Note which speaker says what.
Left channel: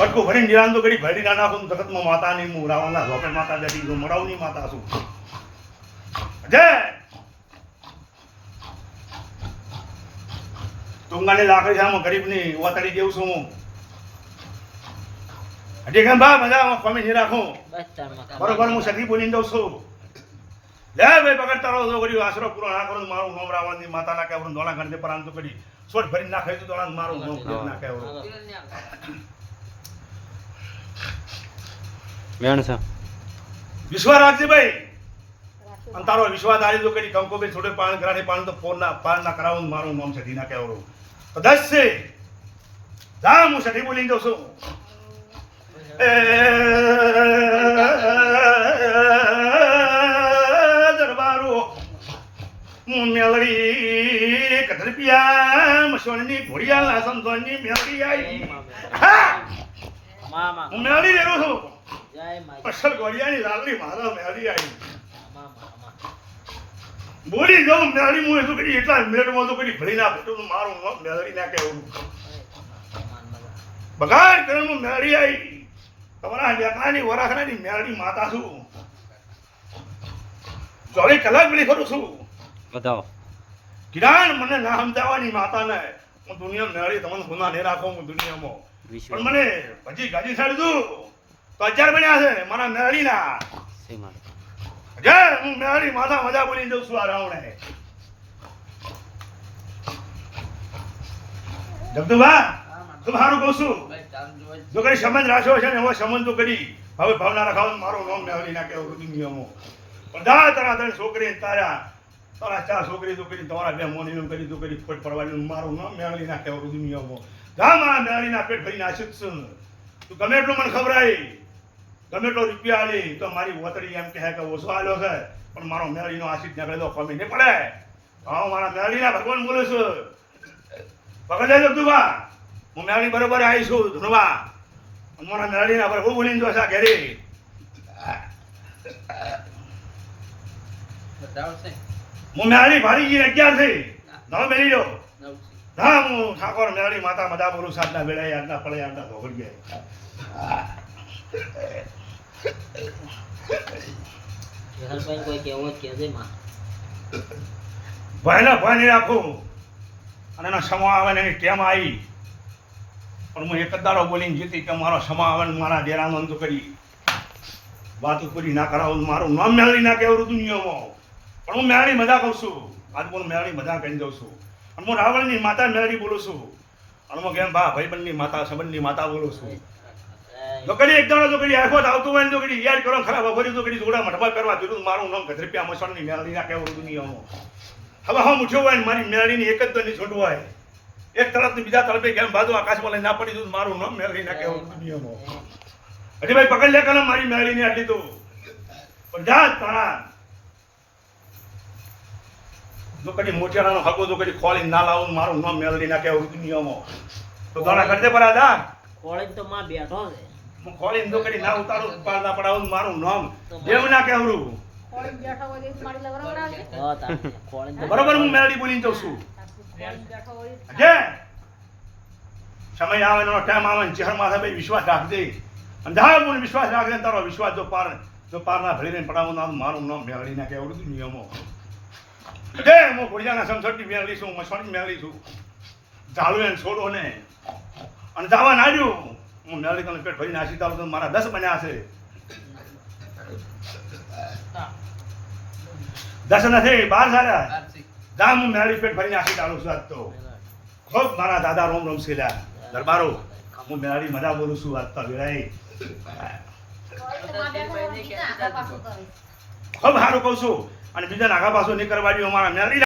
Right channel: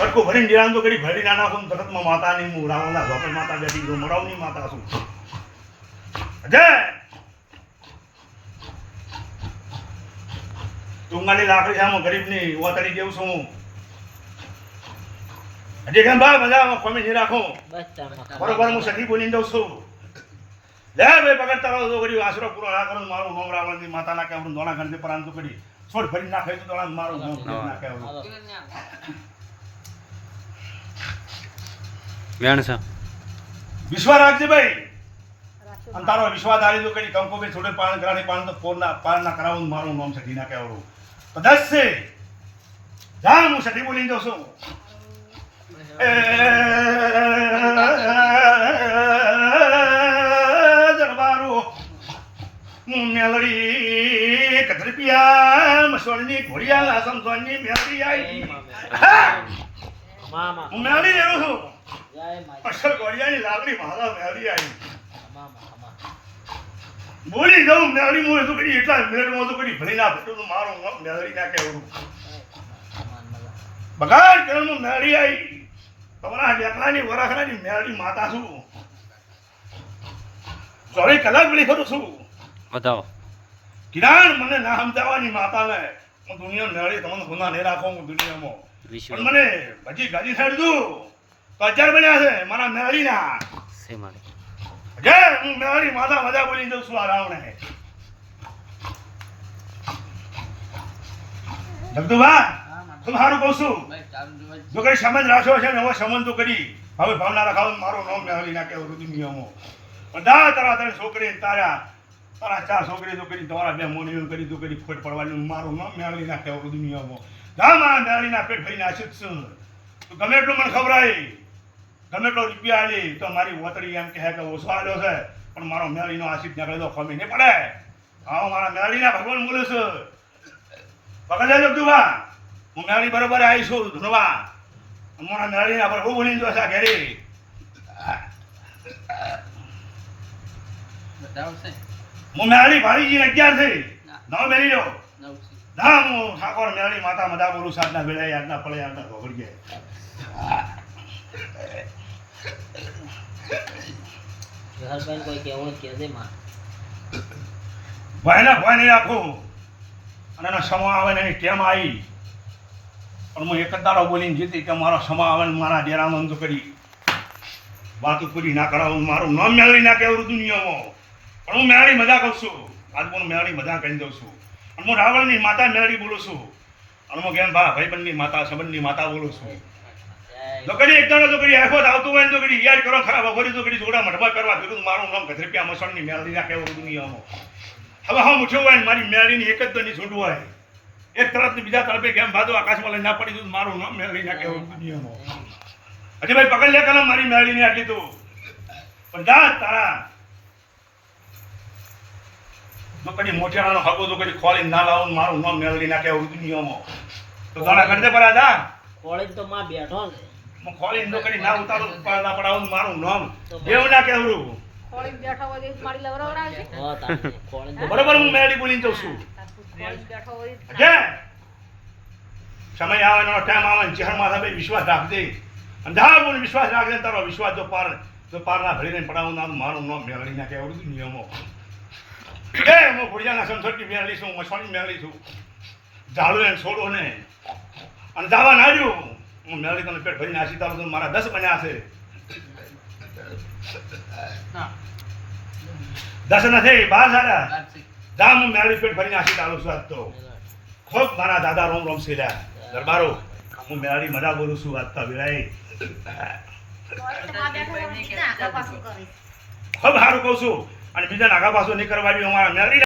Speaker 1: પડકો ભરીને દિરાન તો કરી ભરી ના નાખું જગતમાં માતા નહીં હું રાવણના ઝોપડ માતા બેઠી છું મરાવની માતા છું. જય ટુંગાની લાકડી સામે ગરીબની ઓતરી દેવું છું હું. હજી કેમ ભાઈ? મજામાં? ખોમી નહીં રાખું. બરોબર હું સખી બોલીને દઉં છું. લે ભાઈ પકડ તારો તો કરી આશરો પૂરો ના કરું મારું હોમ રાવણની માતા ના કહેવું દોણા ગણતે પરાંત કરી. સોટ ભરી નાખાય તો દોણા મારું નામ કરી ના કહેવું
Speaker 2: હાલો.
Speaker 3: વેણ છે.
Speaker 1: વિશ્વાસ રાખજે ભાઈ અને તારો વિશ્વાસ આવી તો કઈ કંકો ભાઈ થોડે પાણી કરાડે પાણી તો ફોન ના પાર ના કરાવું મારું નામ સખી ના કહેવું તો દસ છે. જા હું સઠી બોલીને દઉં છું. મેલડી કથરપિયા મસોલની ઘોડિયા સમસોલની મેલડી આવી હા!
Speaker 2: મામા.
Speaker 1: હું મેલડી છું. અસલ મારા આવી.
Speaker 2: મામા મામા.
Speaker 1: બોલી જાઉં મેળી હું તો કરી એટલા મેળમાં તો કરી ભરી ના ફૂટું તો મારું મેળી ના
Speaker 2: કેવું
Speaker 1: બગાડ કરણમાં મેળી આવી. તમારા લેકડાની વરાખડાની મેળી માતા છું. ચોવીસ કલાક પેલી ફરું છું.
Speaker 3: બતાવો.
Speaker 1: કિરાણ મને ના સમજાવવાની માતાને. હું દુનિયા મેળી તમને ગુના નહીં રાખો હું દુનિયામાં. પણ મને ભજી ગાજી છાડી દઉં અચાર બન્યા છે. મારા મેળીના જય હું મેળી માતા મજા બોલી દઉં છું આ રાવણે. જગદુભા તું સારું કહું છું. જો કઈ સંબંધ રાખ્યો છે ને હવે સંબંધ તો કરી. હવે ભાવના રખાવ મારો નામ મેળવી નાખે બધું નિયમો. બધા તારા તારી છોકરી તારા તારા ચાર છોકરી તો કરી તમારા બે મોની કરી તો કરી ખોટ પડવાની મારું નામ મેળવી નાખે બધું નિયમો. જા આ મેળવી ના પેટ ભરી આશિત છું. તું ગમે એટલું મને ખબરાય ગમે એટલો રૂપિયા આલી તો મારી વતડી એમ કહે કે ઓછો આલ્યો છે. પણ મારો મેળીનો આશિત ત્યાં કહી કમી નહીં પડે. હા હું મારા મેળીના ભગવાન બોલું છું. પકડ લેજો તું બા હું મેળી બરોબર આવી છું મારા મેળીના પર હું બોલીને જોશા ઘેરી. હું મેળી ભારીજી અગિયાર થઈ. નવ મેળી જો ના હું ઠાકોર મેળી માતા મદા બોલું સાધના વેળાએ આજના પડે આજના ઘોઘડીએ
Speaker 2: વિહરભાઈને કોઈ કહેવું જ કહેજે માં.
Speaker 1: ભાઈને ભય નહીં રાખું અને એનો સમા આવે ને એની કેમ આવી. પણ હું એક જ દાડો બોલીને જીતી કે મારો સમા આવે ને મારા ડેરાનો અંત કરી. વાતો પૂરી ના કરાવું મારું નામ મેળવી ના કેવું દુનિયામાં. પણ હું મેળી મજા કરું છું. આજ પણ મેળી મજા કહી દઉં છું. અને હું રાવણની માતા મેળી બોલું છું. અને હું કેમ ભા ભાઈબંધની માતા, સંબંધની માતા બોલું છું. છોકરી એક દાડો છોકરી આખો આવતું હોય ને છોકરી યાદ કરો ખરાબ અઘરી છોકરી જોડા મઢવા કરવા દીધું મારું નામ ગધરપિયા મસણની મેળવી ના કેવું દુનિયામાં. હવે હા ઉઠ્યો હોય ને મારી મેળીની એક જ દની છૂટ હોય. એક તરફ બીજા તરફે કેમ બાજુ આકાશમાં લઈને ના પડી દઉં મારું નામ મેળવી ના કેવું દુનિયામાં. હજી ભાઈ પકડ લે કલમ મારી મેળવીને આટલી તો. પણ જા તારા. જો કદી મોટિયાણાનો હકો જો કદી ખોલી ના લાવો મારું નામ મેળવી ના કેવું દુનિયામાં. તો દાણા કરતે પર પરા જા
Speaker 2: તો માં બેઠો છે.
Speaker 1: હું ખોલી નો કરી ના ઉતારું પાર ના પડાવું ને મારું નામ. દેવ ના કેવરું
Speaker 4: ખોળીને બેઠા હોય તો મારી લવરાવડાવશે.
Speaker 2: હો તારે કોળીને
Speaker 1: બરોબર હું મેળવી બોલીને જઉં છું.
Speaker 4: ખોળીને બેઠો હોય તો
Speaker 1: સમય આવે એનો ટાઈમ આવે ને ચહેરમાં ભાઈ વિશ્વાસ રાખજે. અને જા બોલ વિશ્વાસ રાખજે ને તારો વિશ્વાસ જો પાર જો પાર ના ભરીને પડાવું ના મારું નામ મેળવી ના કેવડું બધું નિયમો. કે હું ભુડિયાના સમસટની મેળી છું મસવાની મેળી છું. ઝાડુ ને છોડો ને. અને જાવા નાડ્યું. હું મેળવી પેટ ભરી નાસી તારું તો મારા દસ બન્યા હશે. દસ નથી બાર સારા. જામ હું મેળી પેટ ભરી નાસી તારું છું આજ તો. ખૂબ મારા દાદા રોમ રોમ શીલ્યા દરબારો હું મેળી મજા બોલું છું આજ તો વેળાએ. ખૂબ સારું કહું છું. અને બીજા નાગા પાછું નહીં દઉં મારા મેળવી